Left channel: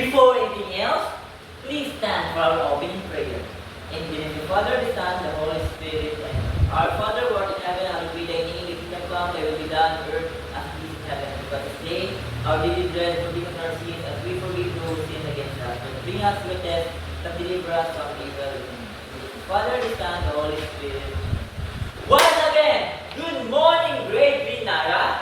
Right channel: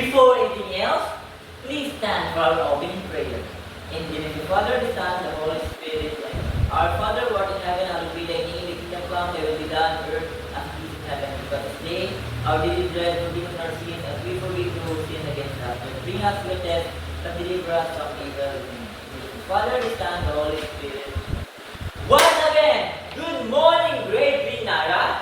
Before anything else, please stand for our opening prayer. In the name of the Father, the Son, and the Holy Spirit. Amen. Our Father, who art in heaven, hallowed be thy name. Thy kingdom come, thy will be done on earth as it is in heaven. Give us this day our daily bread, forgive us our sins, as we forgive those who sin against us. Don't bring us to a test, but deliver us from evil. In the name of the Father, the Son, and the Holy Spirit. Once again, good morning, grade 3 Nara.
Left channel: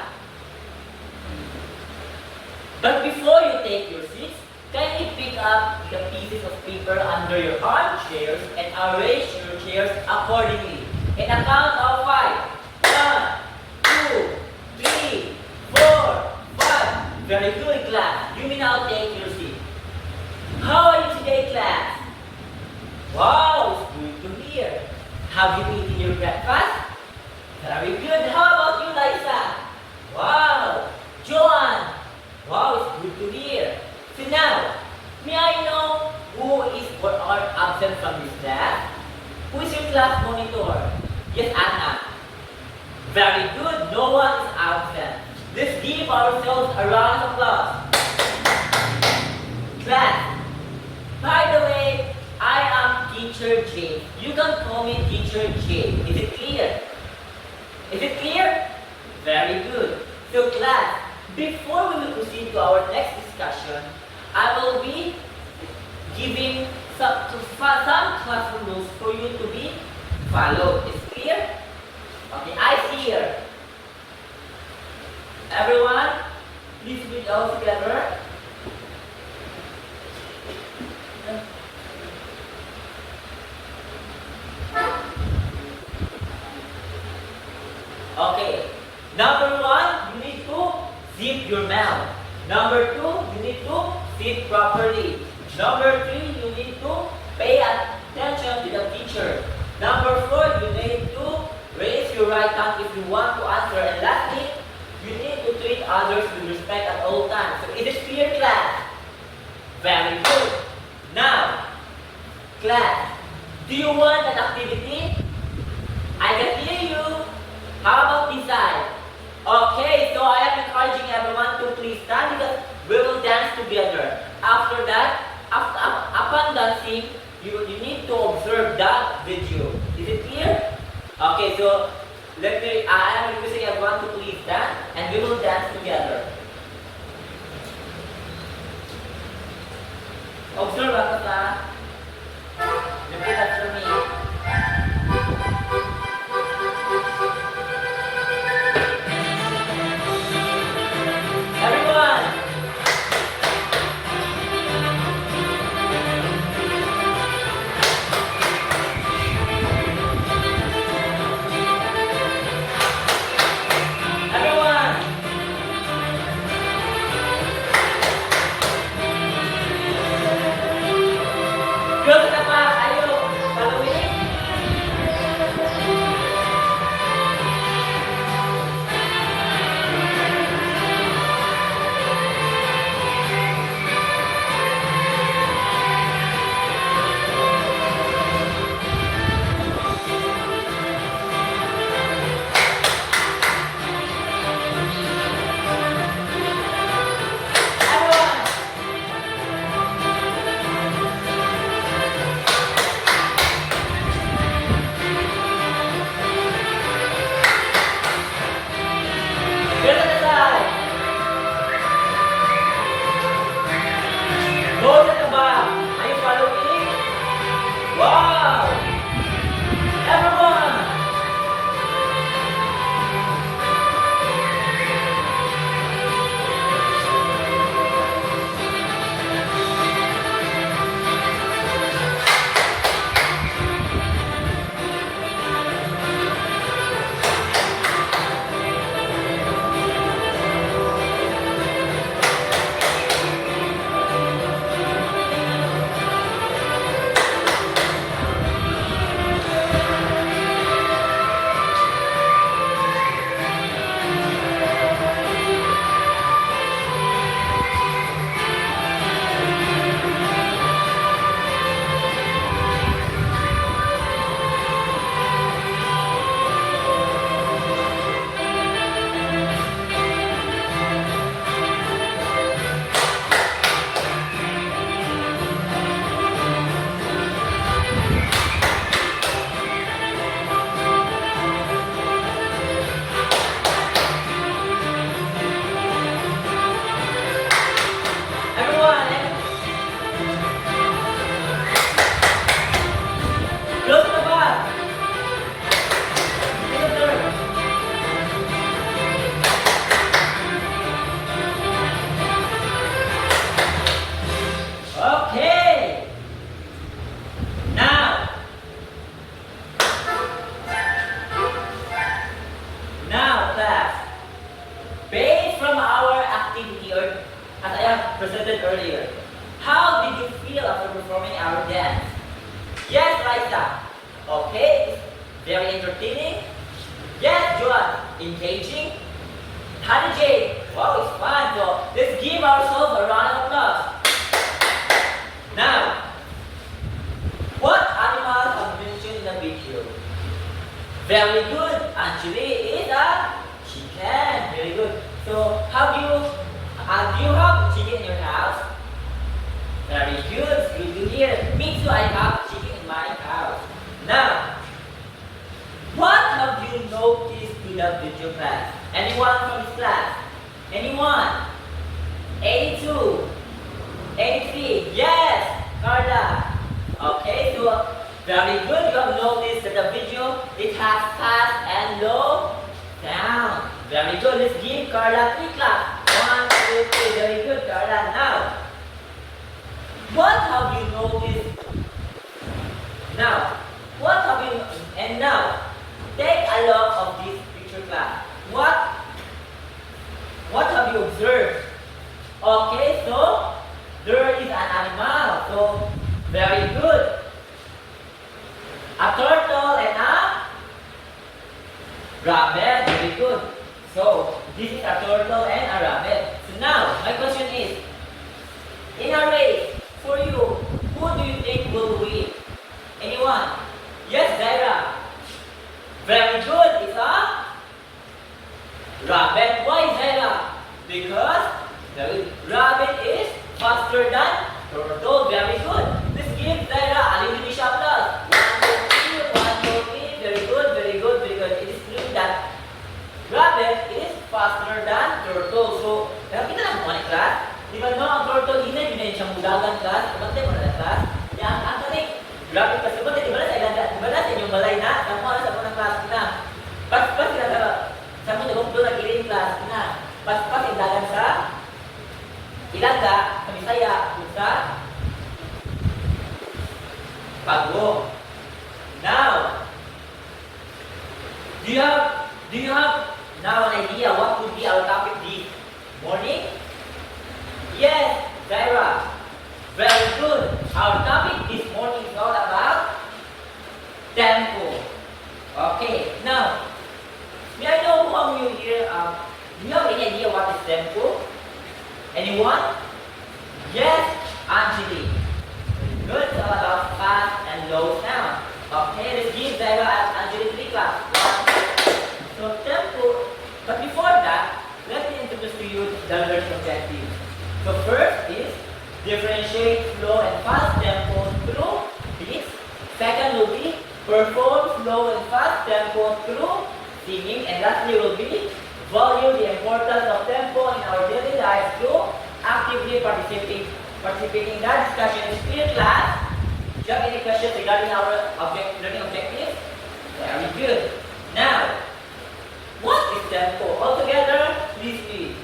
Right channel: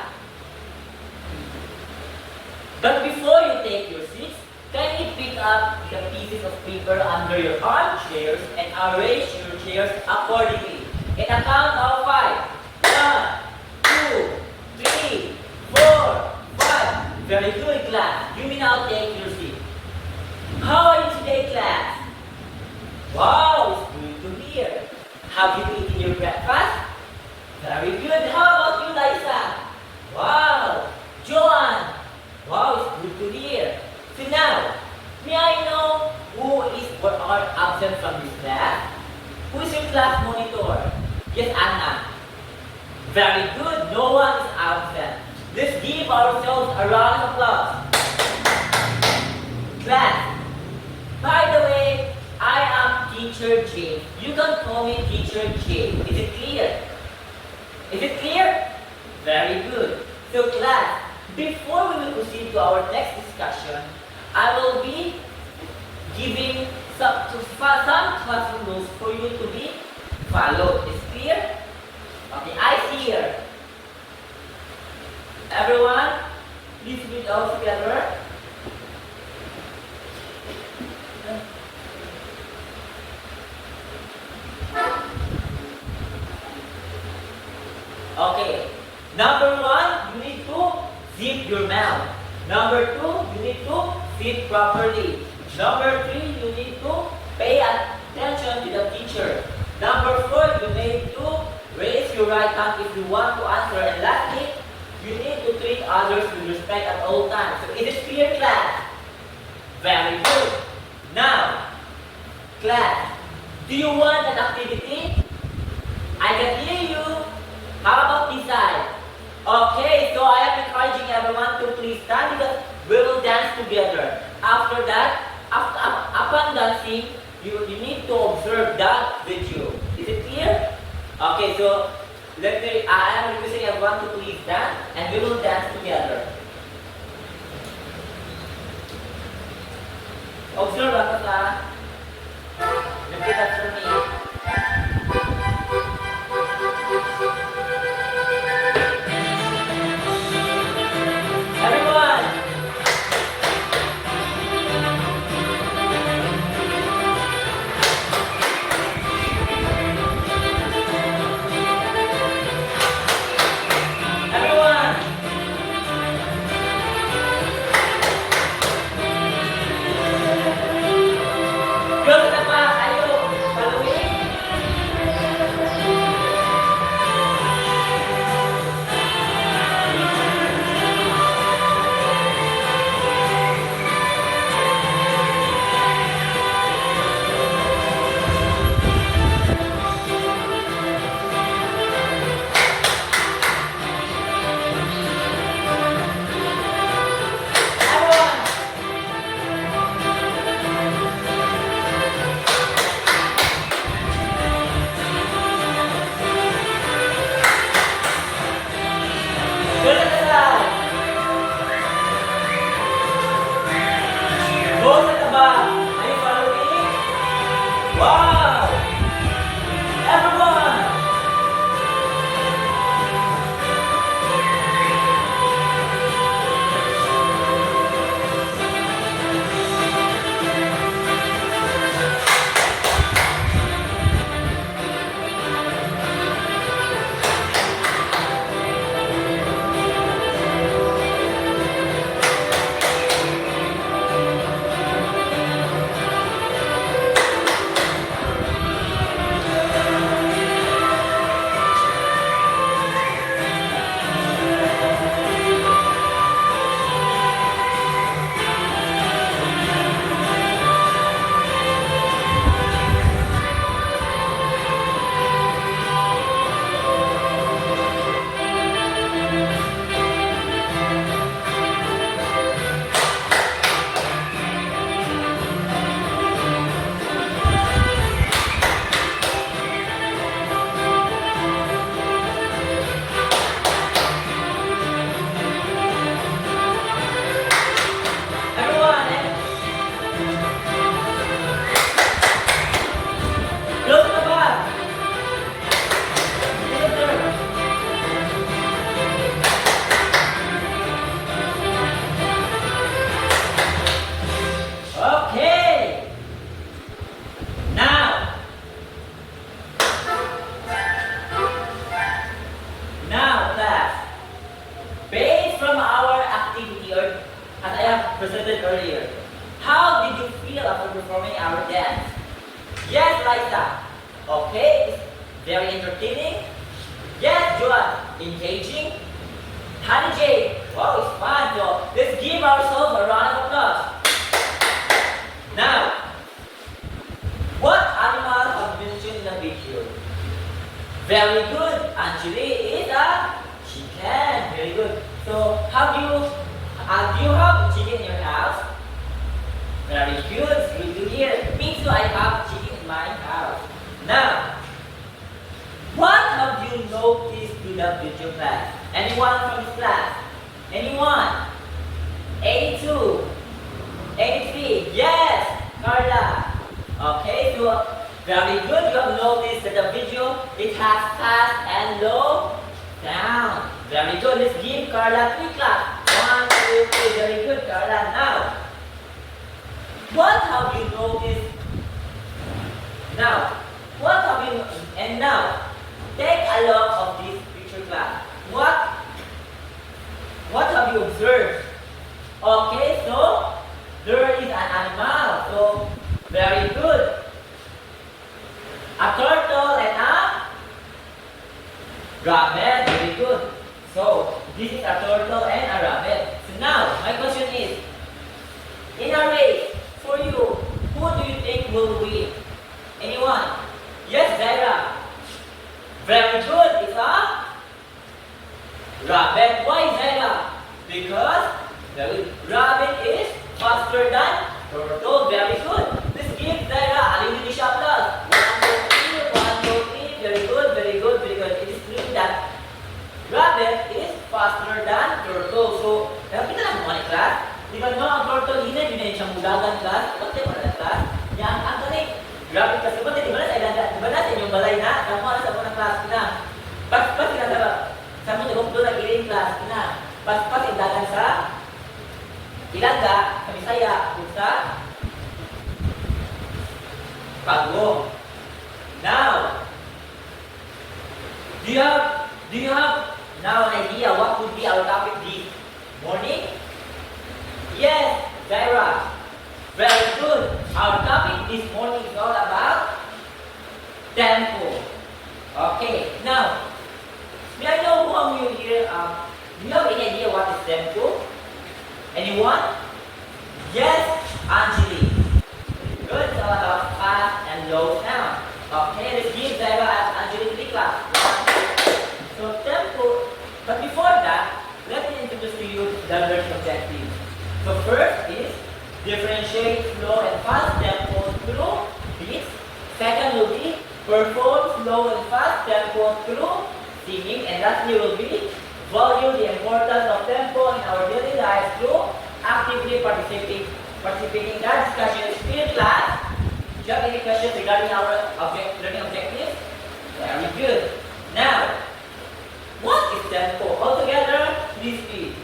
But before you take your seats, can you pick up the pieces of paper under your armchairs and arrange your chairs accordingly? In a count of 5. 1, 2, 3, 4, 5. Very good, class. You may now take your seat. How are you today, class? Wow, it's good to hear. Have you eaten your breakfast? Very good. How about you, Liza? Wow. Joanne? Wow, it's good to hear. So now, may I know who is or are absent from this class? Who is your class monitor? Yes, Anna. Very good. No one is absent. Let's give ourselves a round of applause. Class, by the way, I am Teacher James. You can call me Teacher James. Is it clear? Is it clear? Very good. So class, before we will proceed to our next discussion, I will be giving some classroom rules for you to be followed. Is it clear? Okay, I see here. Everyone, please read all together. Okay. Number 1, you need to zip your mouth. Number 2, you need to sit properly. Number 3, you need to pay attention to the teacher. Number 4, you need to raise your right hand if you want to answer. And lastly, you need to treat others with respect at all times. So it is clear, class? Very good. Now, class, do you want an activity? I can hear you. How about this side? Okay, so I am encouraging everyone to please stand because we will dance together. After that, upon dancing, you need to observe that video. Is it clear? Okay, so I am requesting everyone to please dance and we will dance together. Observe ako sa repeat after me. Everyone! Everyone! Go to the back, ayo! Yes, John. Engaging. Honey J. Wow, it's fun. So let's give ourselves a round of applause. Now, what animals are mentioned in the video? Very good. Anjali is a chicken. Very good. So, do you have chicken in your house? Very good. Good to hear. Me too. I have chicken in my house. Now, what have you noticed to the video class? Anyone from this class? Anyone? 82. 83. Yes, Carla. Okay, so very good. You have noticed that the video, it has fast and low down. Very good. Let's give Carla 3 claps. 1, 2, 3. Very good, Carla. Now, what have you noticed? Now, what have you, and now, take a look of this picture class. What have you observed? Okay, so there is an animal. So very good. A turtle and a rabbit. Very good. So this is a turtle and a rabbit. So now my question is, in a race, for you, who do you think will win? Anyone? Yes, Zaira. Very good. It's a rabbit. Why, Zaira? Because the rabbit is faster than turtle. Very good. Let's give Zaira a little bit of applause. 1, 2, 3. Very good, very good, very good. It is true that rabbit is faster than turtle. So, kita lang mga class. Di ba ang turtle, hindi siyang mudagan class. Kapatid mo na class. Yan, ang tanik. Rabbit kasi ba, di ba na sa inyong balay na? Yung mga sa unang class na. Pas sila sa mga doon na giling class na. Pas indagan sa Ilanda, sa Bisaya, sa Pagwo. Now, do you have now an idea what would be our topic this morning? Yes, Zaira. Very good. Our topic this morning is all about tempo. Okay, now, may I know who among you here, do you have any idea what is tempo? Anyone? Yes, Anjali. Good, it's all about fast and low sound. Okay, let's give Zaira and Anjali 3 claps. So tempo, but before that, let me introduce to you the learning objectives. The first is differentiate slow and fast tempo through beats. Second will be perform slow and fast tempo through singing. And lastly will be value the importance of tempo in our daily life through actively participating in that discussion experience class. Do you have any questions regarding our learning objectives? Very good. Now, what is tempo? Altogether, please read.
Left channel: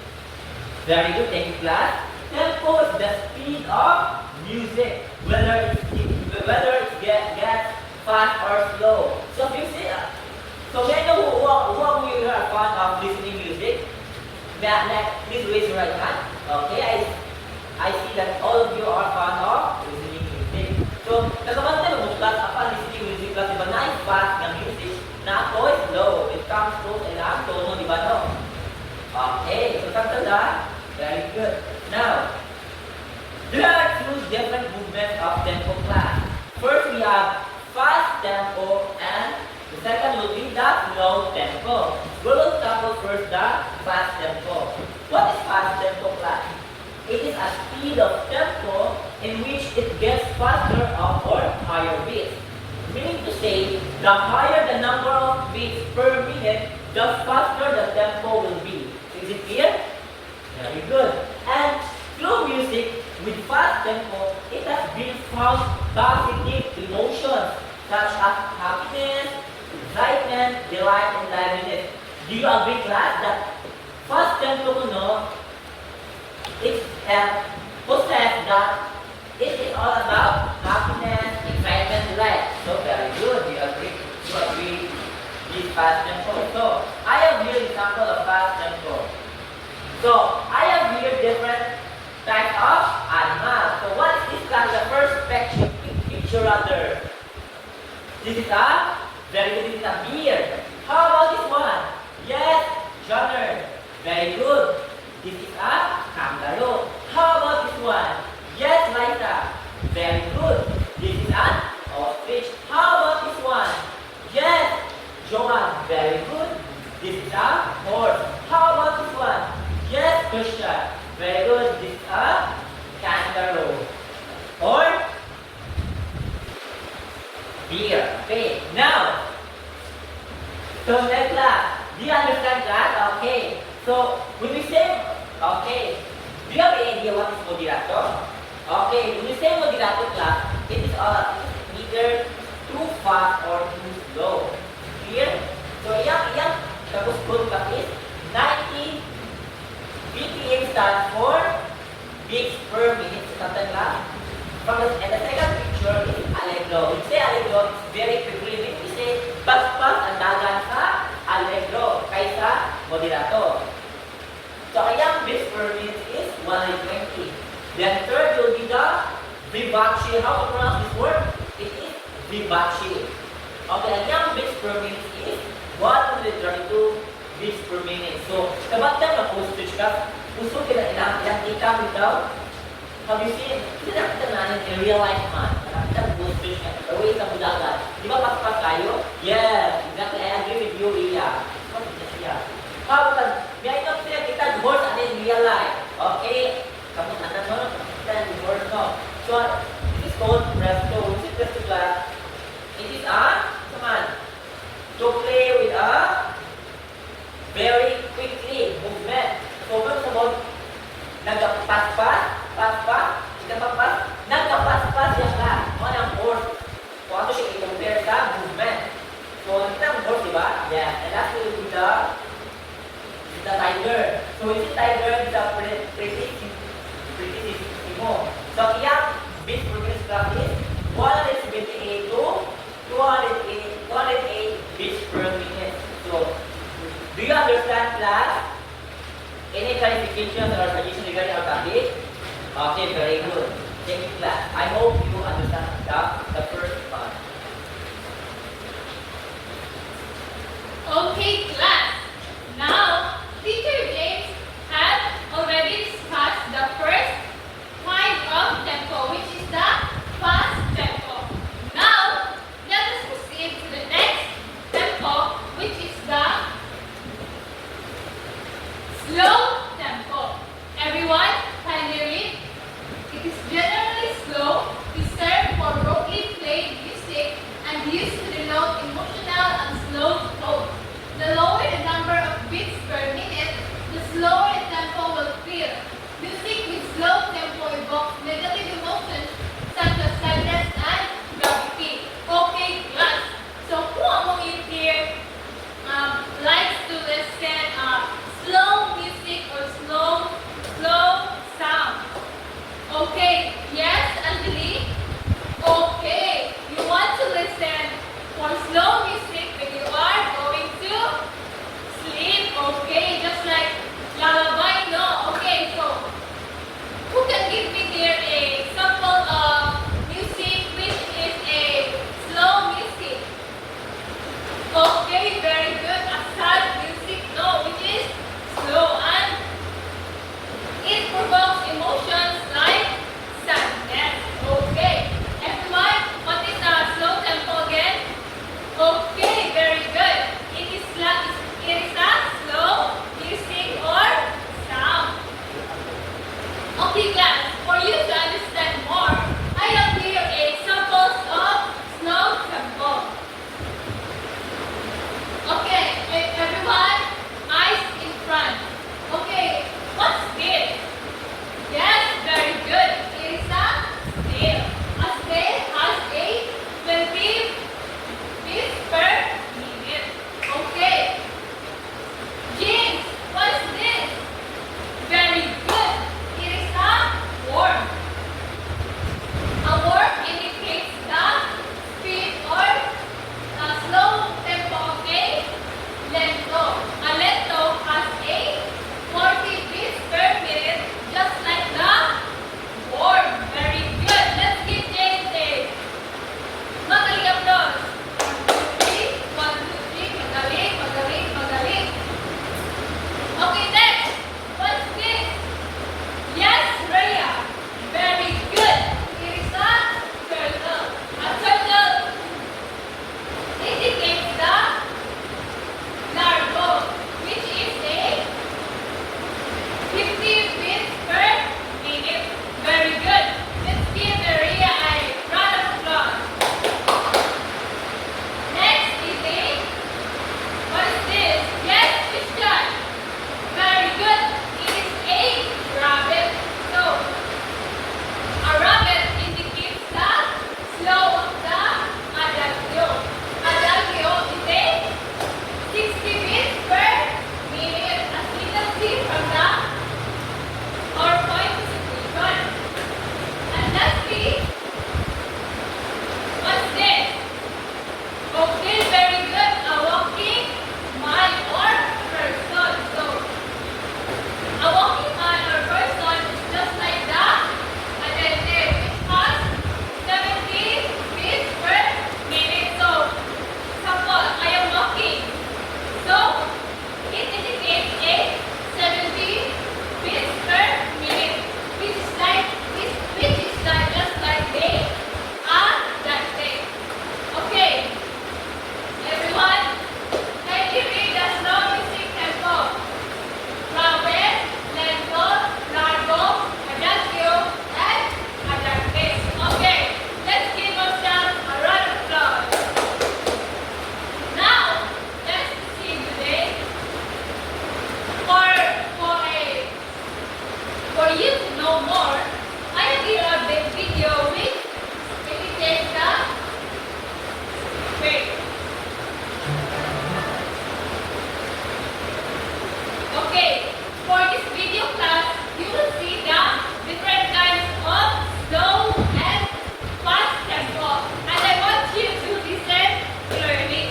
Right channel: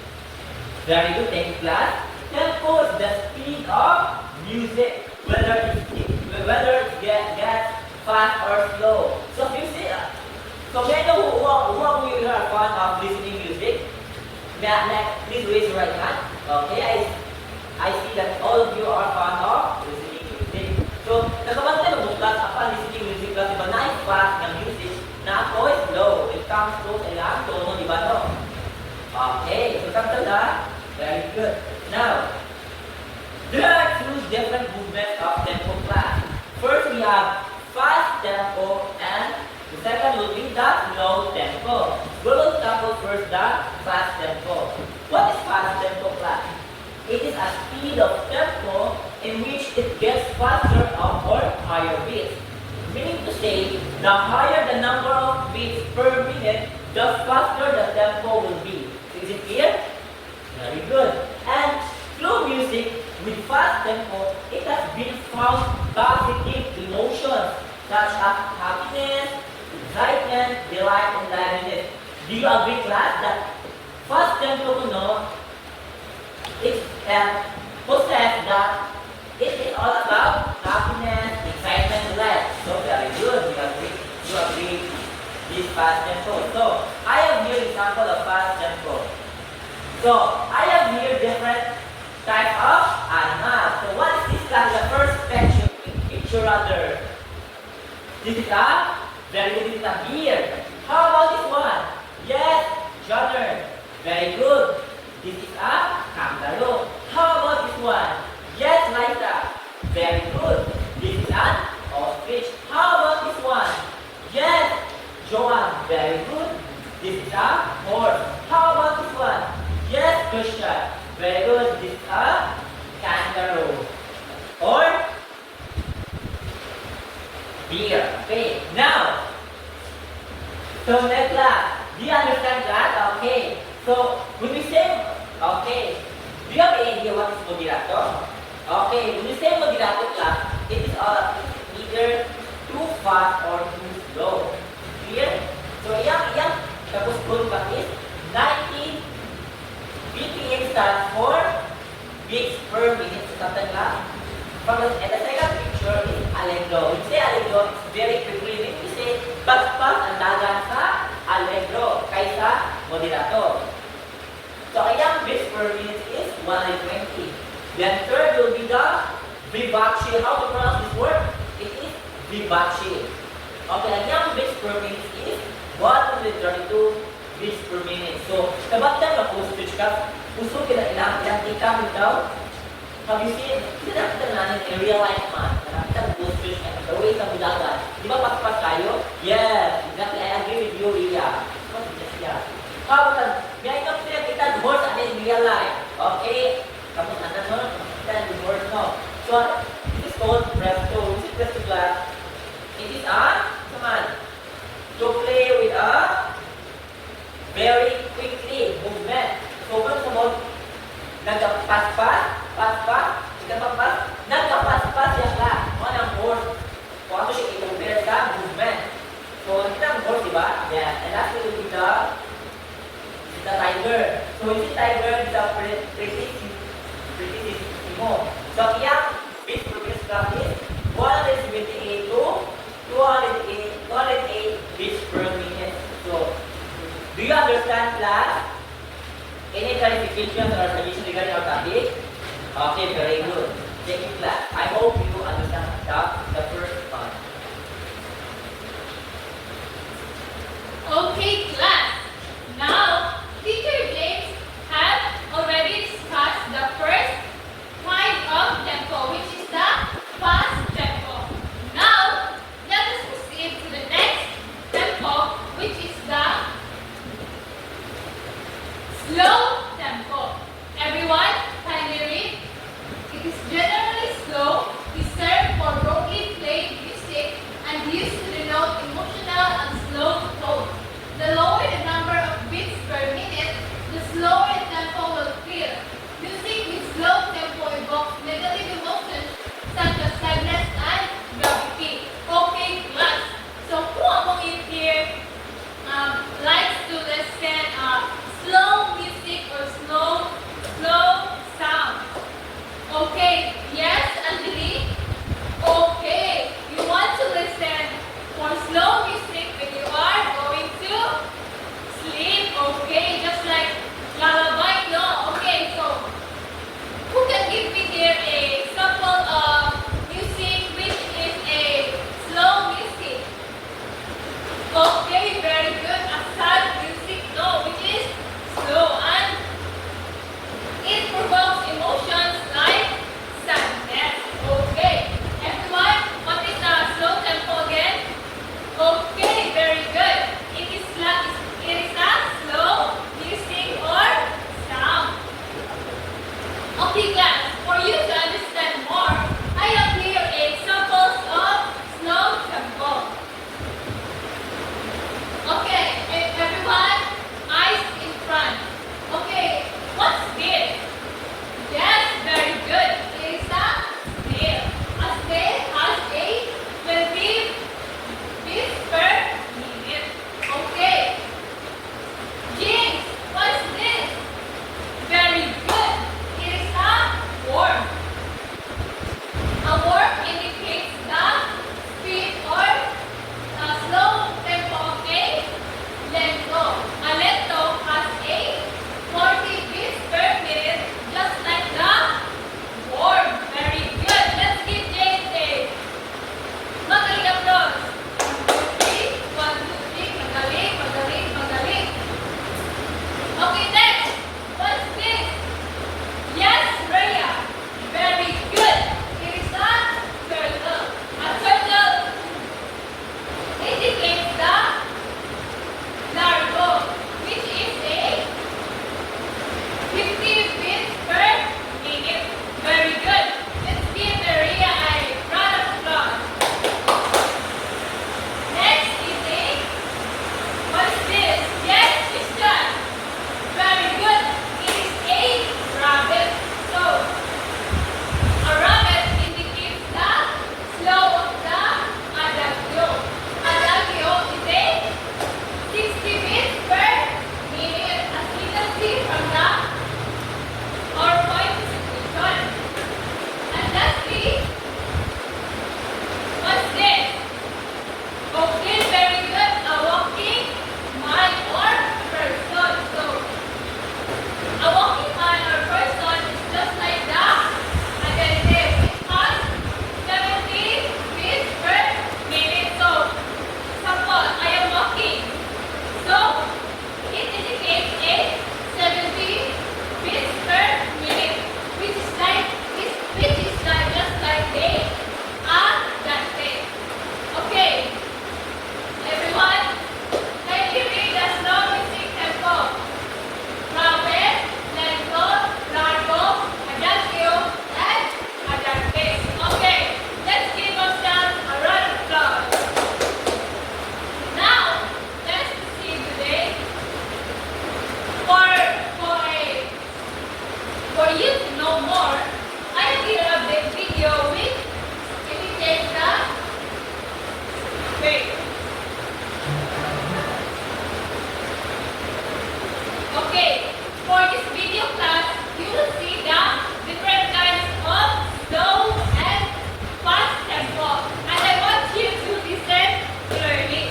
Very good, thank you class. Tempo is the speed of music, whether it gets fast or slow. So music. So may I know who of you are fond of listening music? Please raise your right hand. Okay, I see that all of you are fond of listening music. So nakabante mo class apa listening music class iba na fast na music na ako is slow. It comes slow and I'm slow, di ba no? Okay, so tanda. Very good. Now, there are 2 different movements of tempo class. First, we have fast tempo and the second will be the slow tempo. We will tackle first the fast tempo. What is fast tempo class? It is a speed of tempo in which it gets faster up or higher beats. Meaning to say, the higher the number of beats per minute, the faster the tempo will be. Is it clear? Very good. And slow music with fast tempo, it has built from positive emotions such as happiness, excitement, delight, and dynamism. Do you agree, class, that fast tempo it possesses that it is all about happiness, excitement, delight. So very good. You agree this fast tempo. So I have here an example of fast tempo. So I have here different types of animals. So what is this class? The first picture rather. This is a very good. This is a deer. How about this one? Very good. This is a horse. How about this one? Yes, Christian. Very good. This is a kangaroo. Or deer. Okay. Now, so next class. Do you understand that? Okay. So when we say, okay, do you have any idea what is moderato? Okay, when we say moderato class, it is either too fast or too slow. Clear? So yang tapos full pa is 90 BPM stands for beats per minute. So tatanda. And the second picture is allegro. We say allegro, it's very quickly. We say pas-pas ang dagan sa allegro kaysa moderato. So ang beats per minute is 120. Then third will be the vivace. How to pronounce this word? It is vivace. Okay, ang young beats per minute is 132 beats per minute. So, kabantang mag-usage ka, gusto kinailang yung tikang daw. Have you seen? Kinakita natin in real life man. Nakakita mag-usage and the way sa mudagan. Di ba paspas tayo? Yes, exactly. I agree with you, Ria. What is this here? How about may ito kita horse and in real life. Okay? Kamu ano no? Kita yung horse no. So, it is called presto. Which is presto class? It is to play with a very quickly movement. So, kung sunod, nagpaspas, nagpaspas siya lang. Ano ang horse? Kung ano siya i-compare sa movement. So, hindi ang horse, diba? Yes. And that's will be the tiger. So, hindi tiger, it's a pretty mo. So, yung big progress class is 178 to 208 beats per minute. So, do you understand class? Any clarification or suggestion regarding our topic? Okay, very good. Thank you, class. I hope you understand the first part. Okay, class. Now, Teacher James has already discussed the first kind of tempo, which is the fast tempo. Now, let us proceed to the next tempo, which is the slow tempo. Everyone, kindly read. It is generally slow, reserved for broadly played music, and used to denote emotional and slow tone. The lower the number of beats per minute, the slower the tempo will feel. Music with slow tempo evokes negative emotions such as sadness and gravity. Okay, class. So who among you here likes to listen slow music or slow sound? Okay, yes, Anjali? Okay, you want to listen for slow music when you are going to sleep? Okay, Okay, for this video class, you will see the different kinds of slow and fast tempo. And I want you to listen clearly.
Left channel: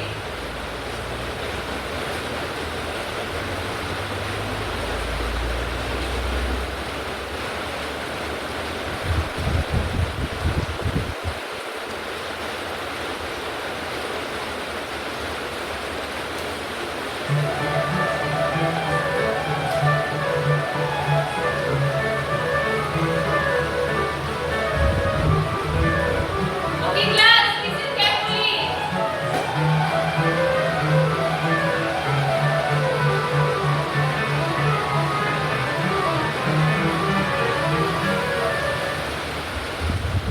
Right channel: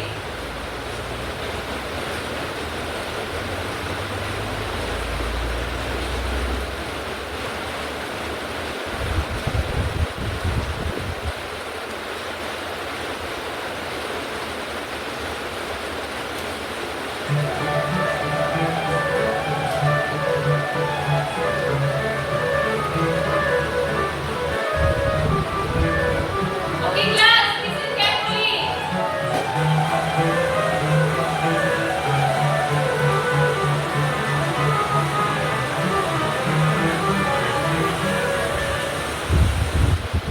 Okay, class, listen carefully.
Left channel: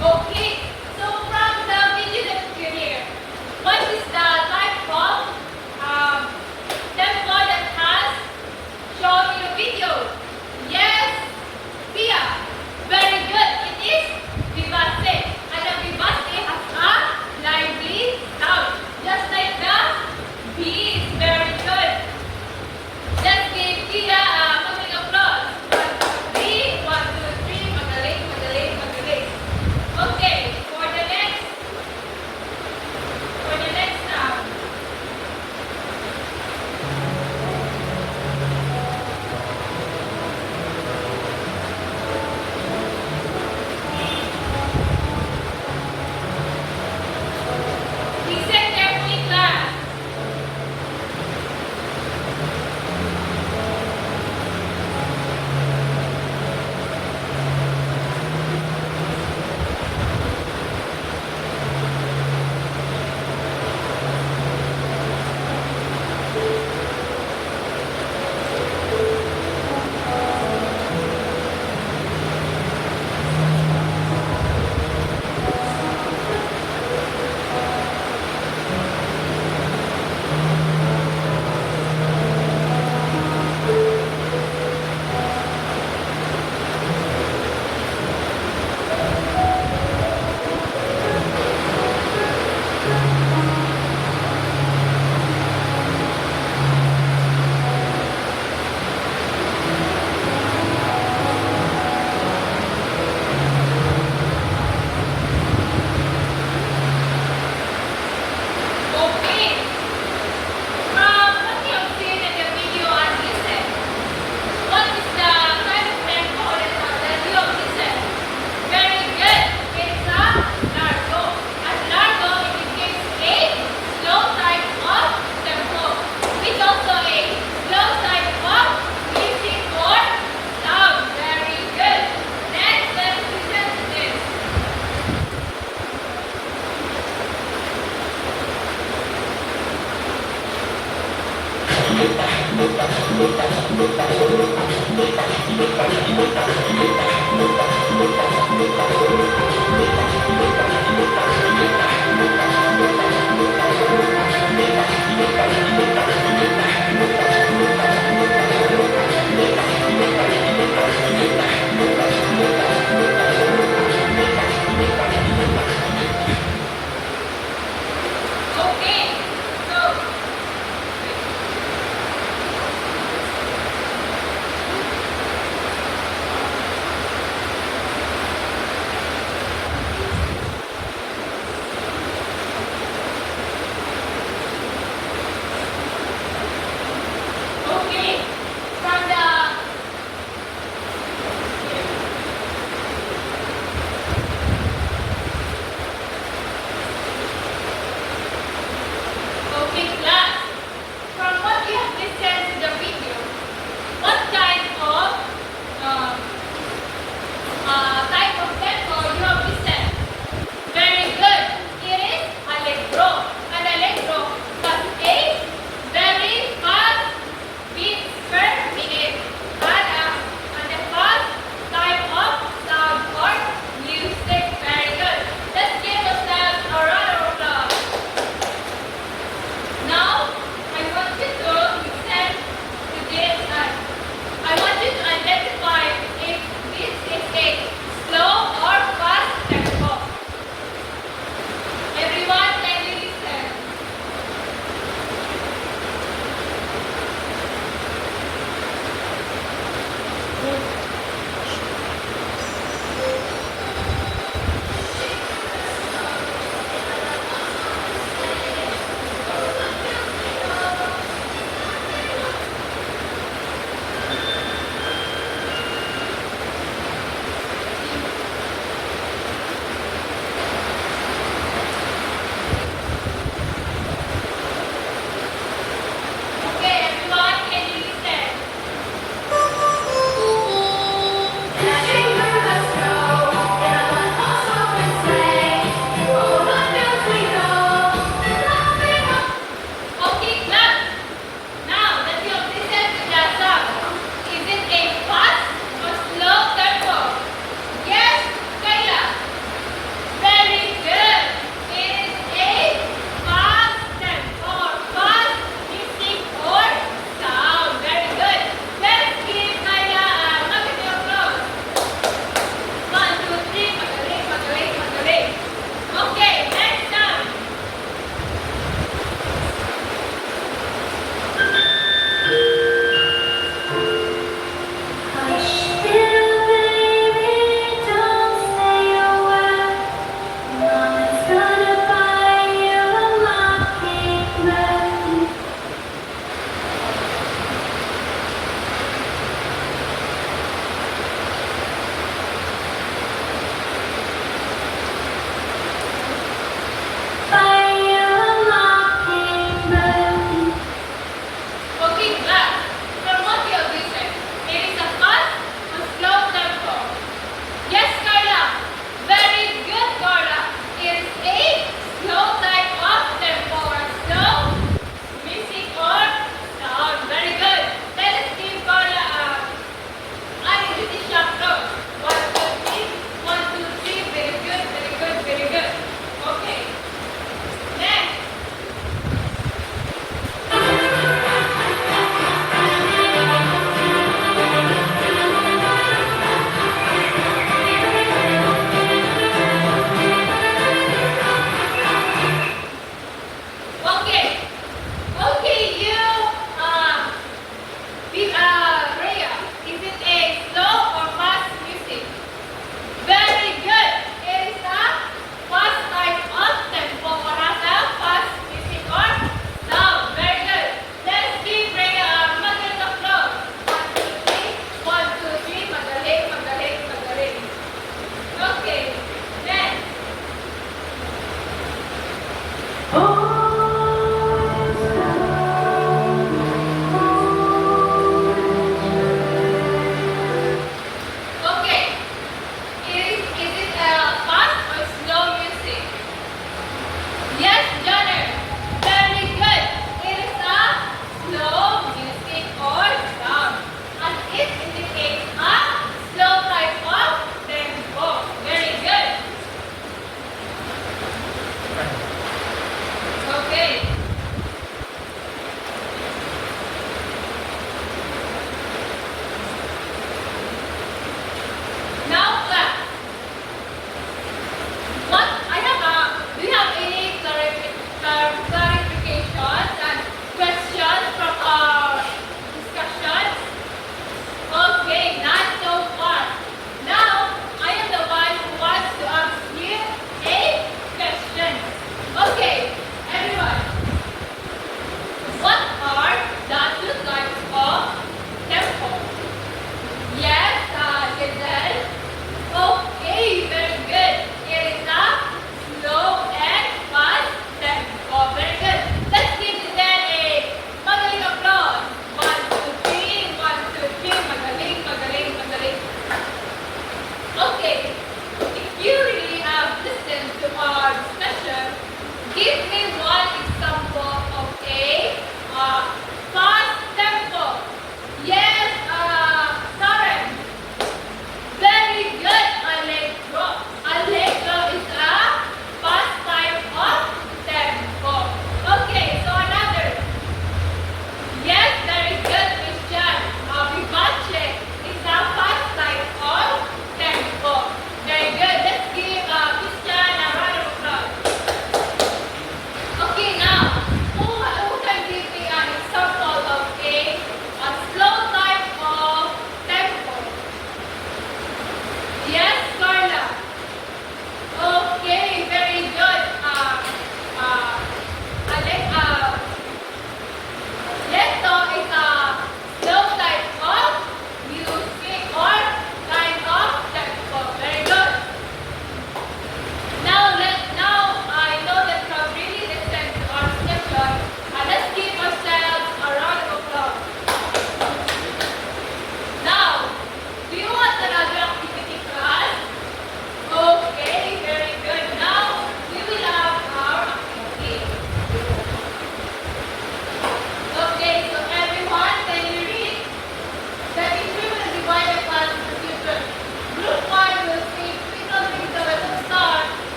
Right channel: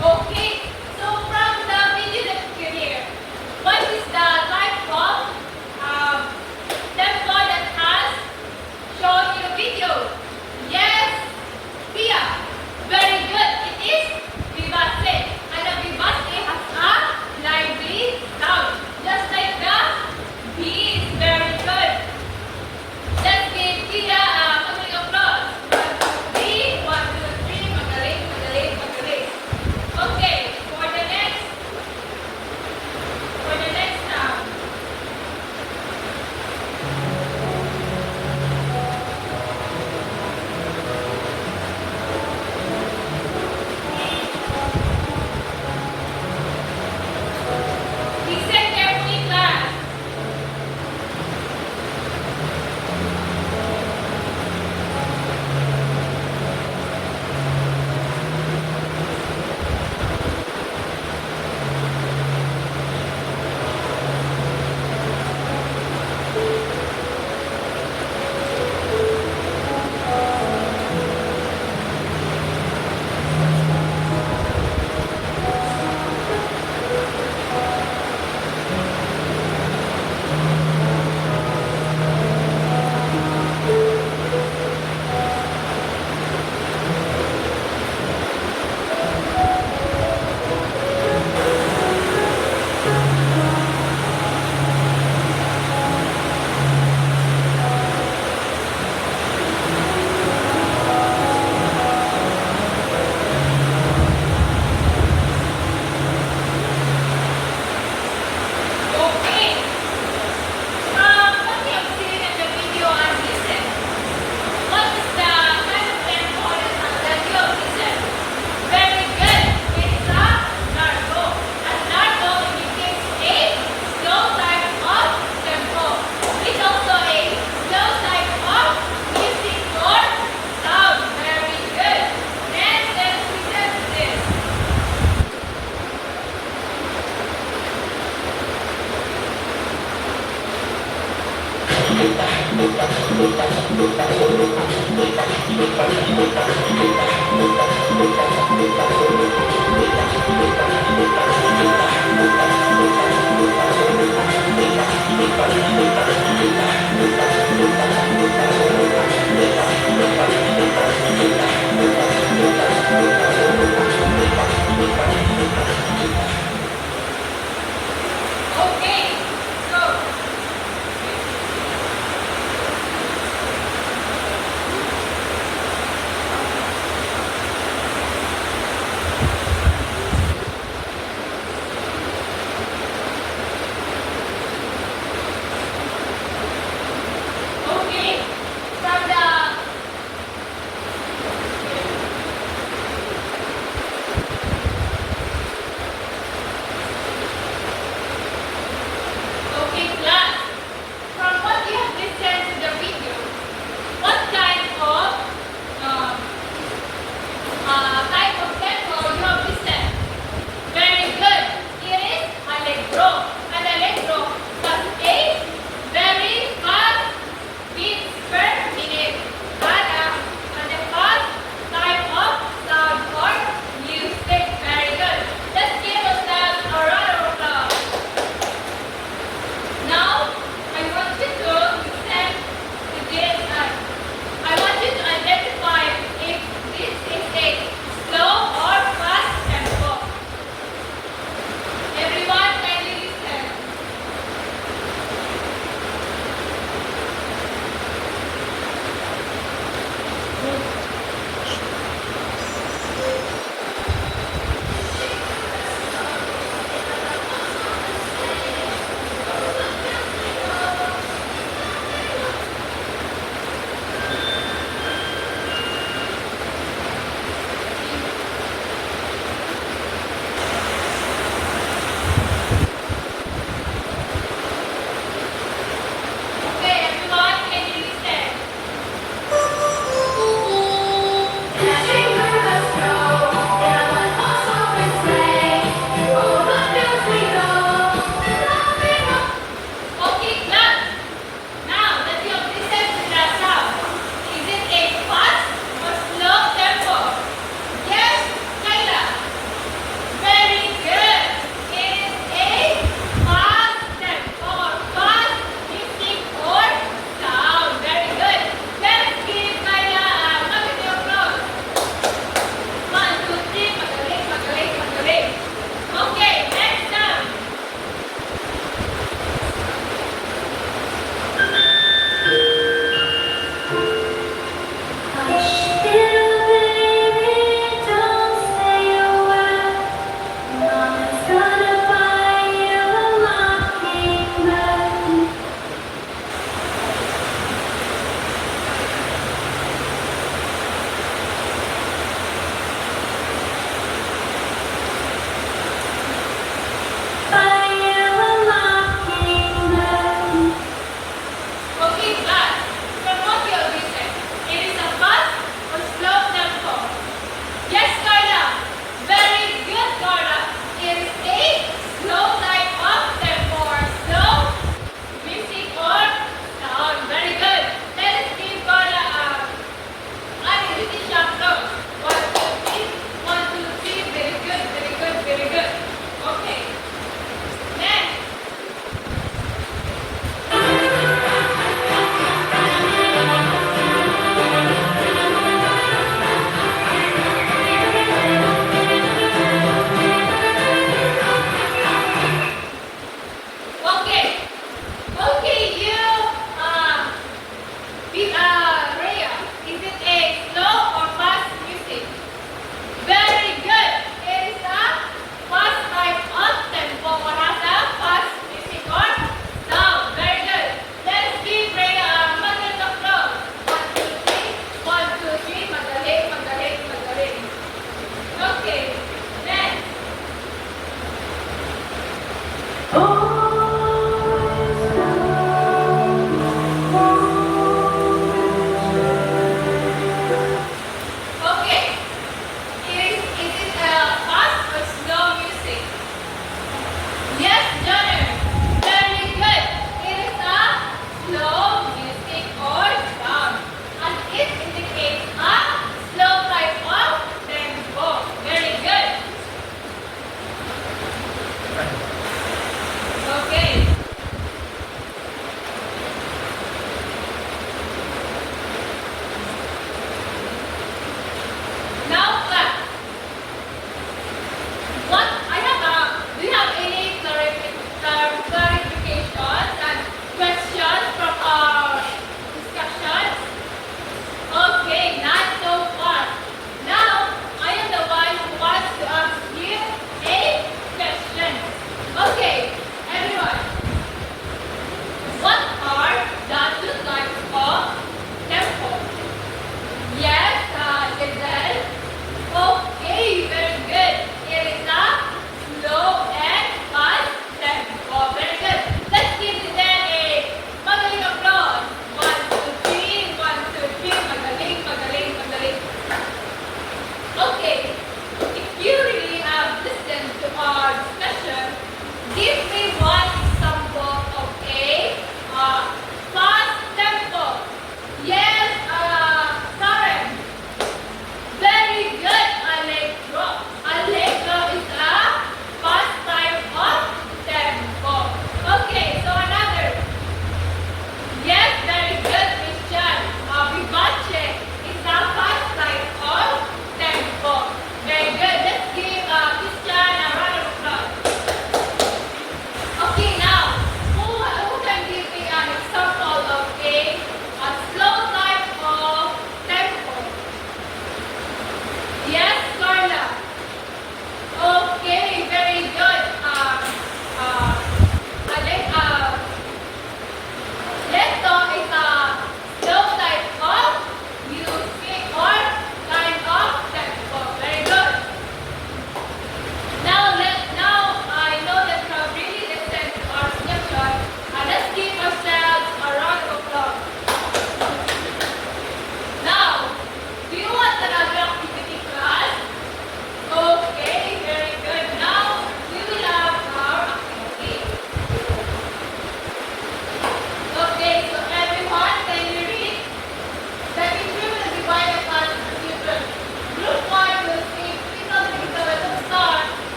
Okay, so from the video that you hear, what is the type of tempo that has shown in the video? Yes, Tia. Very good. It is vivace. And the vivace has a lively sound. Just like the B is very good. Let's give Tia a magandang applause. 1, 2, 3. 1, 2, 3. Magaling, magaling, magaling. Okay, for the next sound. Listen carefully, class. Okay. What you have seen in the video and listen. What is the kind of tempo that you have listened? Very good. It's a largo. And largo indicates a slow type of tempo. It's also a slow type of music or sound. Very good. Next, let's listen to this.